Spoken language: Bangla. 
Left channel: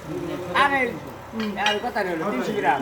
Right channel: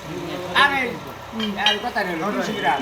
হ্যাঁ, না। আরে আর কথা নেই তিনশো গ্রাম